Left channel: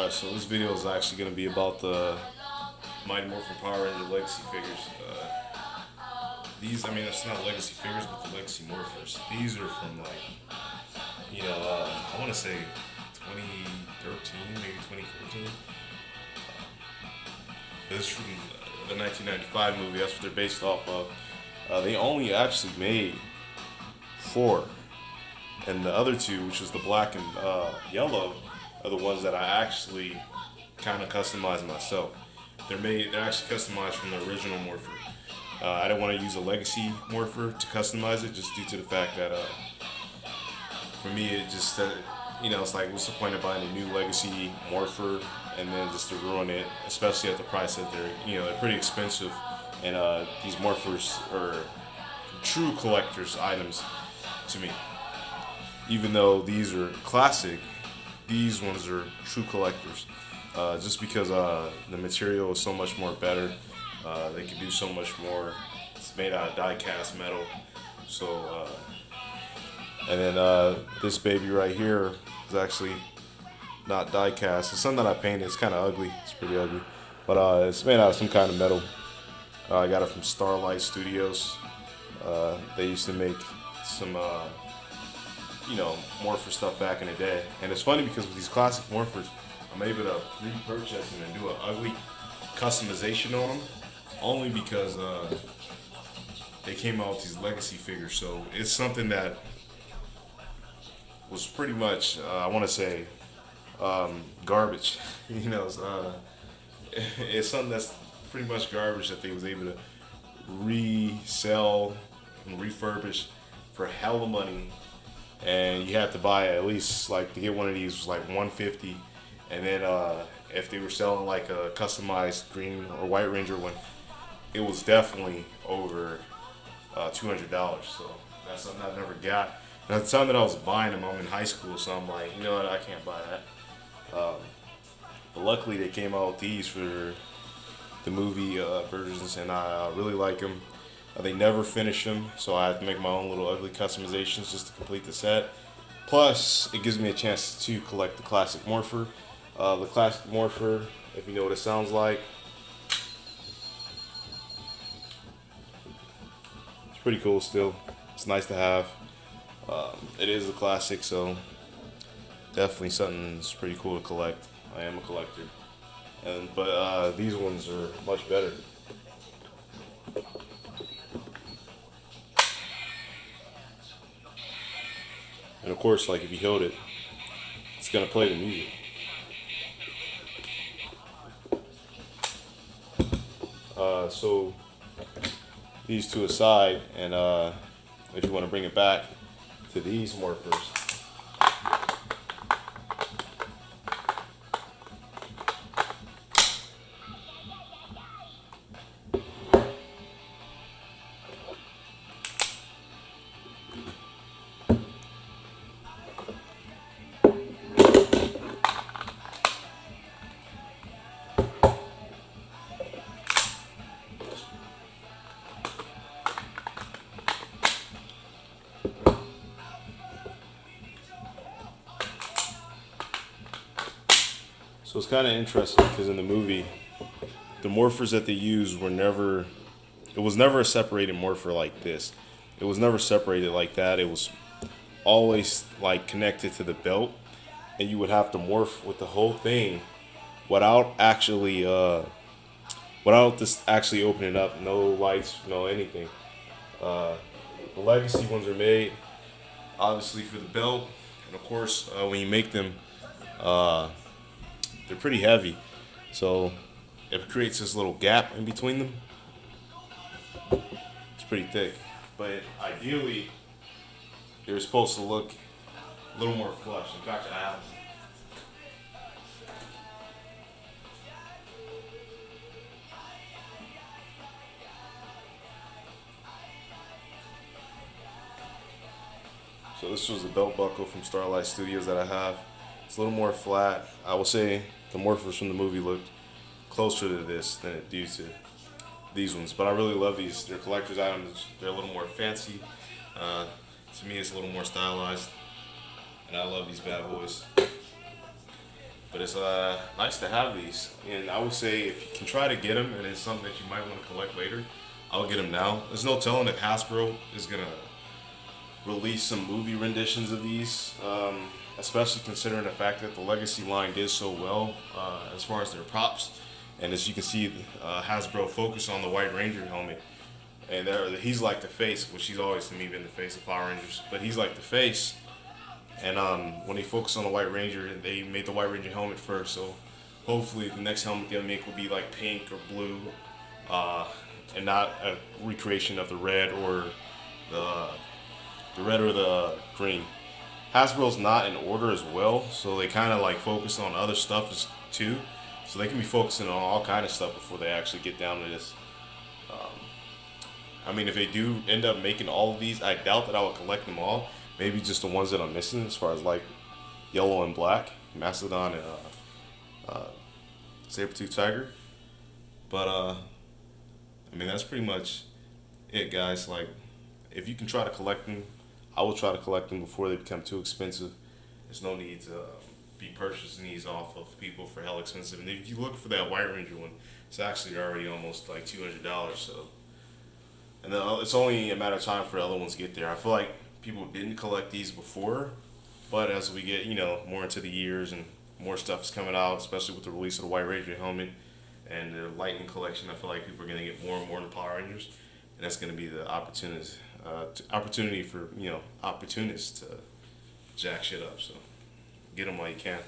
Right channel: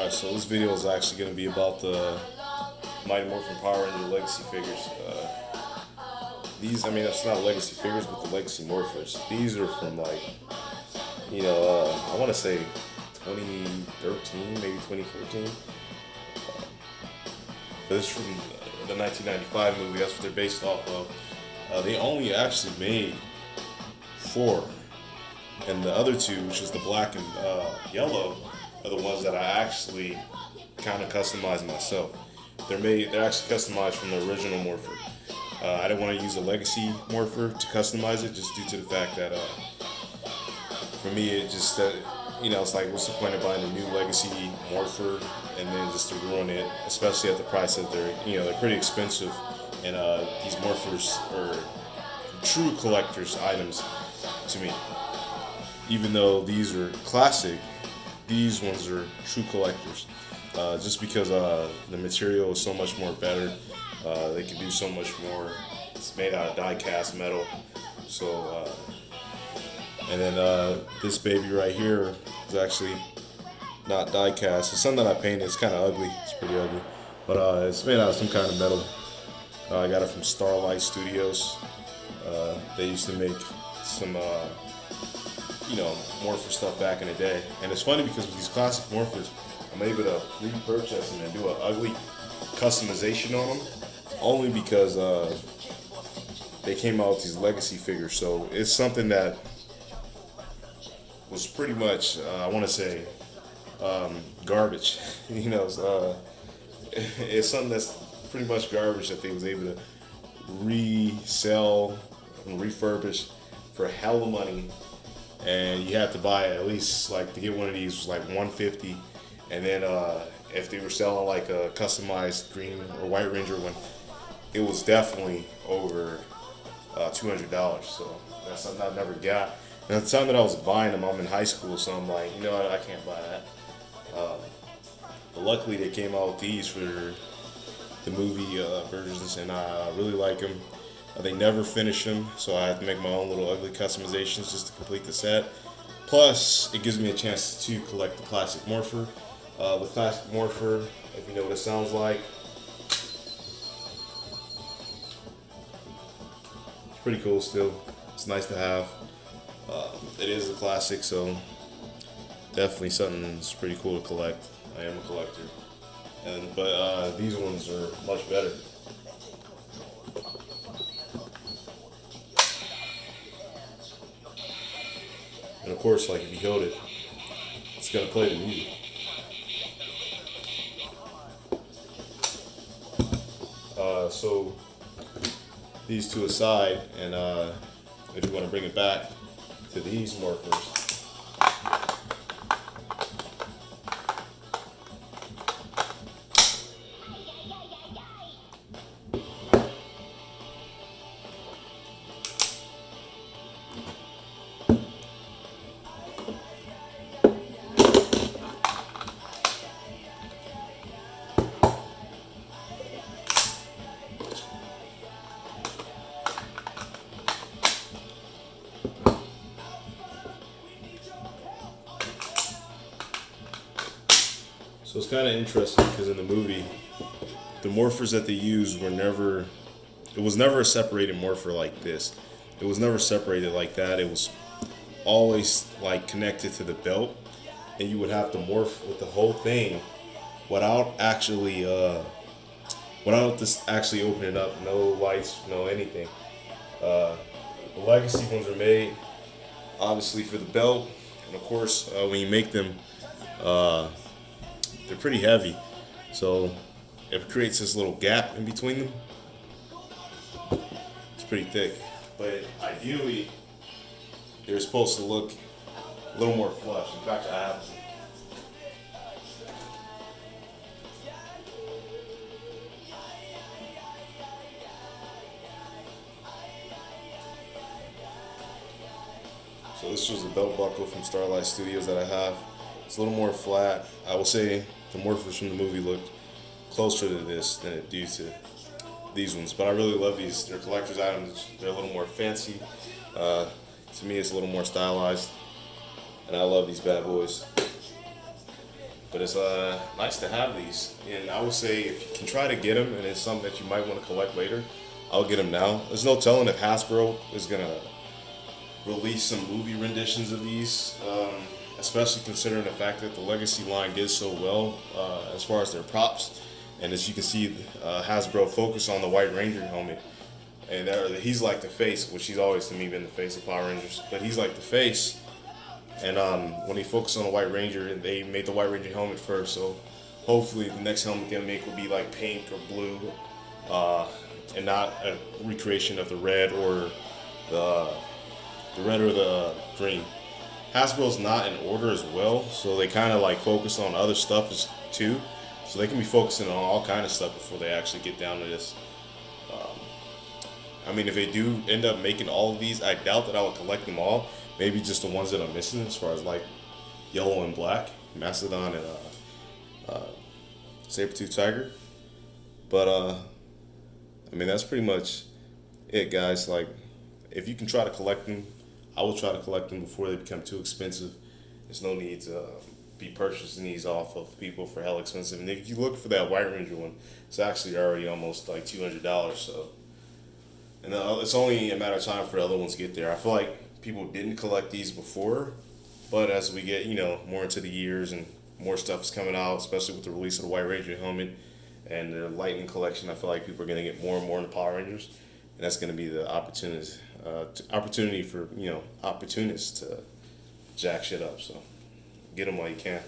Alright, so this video is actually going to be about the Mighty Morphin Power Ranger Legacy figures. That's not legacy figures, but the Legacy Morphers. These are from I want to say 2013, maybe 2014. This is from the 1995 movie. That's what they're based off of. They only actually made 4, and the other 2, which is the black and yellow, are the ones that I actually kind of customized myself. They're actually customized from the original Morpher. I didn't want to use a Legacy Morpher to customize it, just due to the fact that for me it just it's like, what's the point of buying a new Legacy Morpher and then just to ruin it, especially at the price that they're pretty expensive, and these Morphers are true collector's items to me. Even though these are classic, these ones are true collectors. Just because the material is so much more better. They can do so much more. It's made out of die-cast metal. So, and then this baby right here is actually not die-cast. It's something that I painted. It's kind of ugly. It's pretty ugly. But it's made out of some kind of metal. I got it from Starlight Studios. They used to make some Morpher stuff back in the day. And it's funny because with these classic Morphers, I'm able to repurchase them and do an ugly customization on them, only because they came out with these legacy figures. So it's something that was pretty much, I want to say, garbage. It's something that's pretty much garbage that they was able to resell and refurbish for hella money. And you have to buy at least, to get one of these was like $150, and then if they were selling like a customized green or white Ranger one, it was definitely over $200. So that's something I never got. And at the time that I was buying them, I'm in high school, so I'm like, you know what, I can't buy that. But luckily they came out with these for the movie versions, and I really like them. They never finish them, so I have to make my own little ugly customizations just to complete the set. Plus, it gives me a chance to collect the classic Morpher. The classic Morpher, if you know what it sounds like, it's pretty cool still. It's nice to have. It is a classic, so definitely something that's pretty cool to collect. I am a collector. But these ones are much better. And of course, if you hold it, it's gonna play the music. So these two aside, and if you want to bring it back to these Morphers. So it's kind of interesting because in the movie, the Morphers that they used it was never a separated Morpher like this. It was never separated like that. It was always connected to the belt, and you would have to morph with the whole thing without this actually opening up. No lights, no anything. The legacy ones are made obviously for the belt, and of course when you make them, they're pretty heavy, so it creates this little gap in between them. It's pretty thick, but ideally they're supposed to look a little more flush. In fact, I have them. So this was the belt buckle from Starlight Studios that I have. It's a little more flat. I will say the Morphers from the movie look closer to this than it do to these ones. But I really love these. They're collector's items. They're a little more fancy. To me, it's a little more stylized. And I love these bad boys. But it's nice to have these, and I would say if you can try to get them, and it's something that you might want to collect later, I'll get them now. There's no telling if Hasbro is gonna release some movie renditions of these, especially considering the fact that the Legacy line did so well as far as their props. And as you can see, Hasbro focused on the White Ranger helmet, and he's like the face, which he's always to me been the face of Power Rangers, but he's like the face. And when they focused on the White Ranger, they made the White Ranger helmet first. So hopefully the next helmet they'll make will be like pink or blue, and not a recreation of the red or the the green. Hasbro's not in order as well, so they kind of like focus on other stuff too. So they can be focusing on all kind of stuff before they actually get down to this. I mean, if they do end up making all of these, I doubt that I would collect them all. Maybe just the ones that I'm missing, as far as like yellow and black, Mastodon and Saber-tooth Tiger. But I mean, that's pretty much it, guys. Like, if you can try to collect them, I will try to collect them before they become too expensive. There's no need to be purchasing these off of people for hell expensive. And if you look for that White Ranger one, it's actually already almost like $200. So, and it's only a matter of time for the other ones to get there. I feel like people didn't collect these before, but as we get more into the years and more stuff is coming out, especially with the release of the White Ranger helmet and the Lightning collection, I feel like people are going to get more and more into Power Rangers, and that's going to be the opportunity for opportunists to jack shit up. So get them while you can.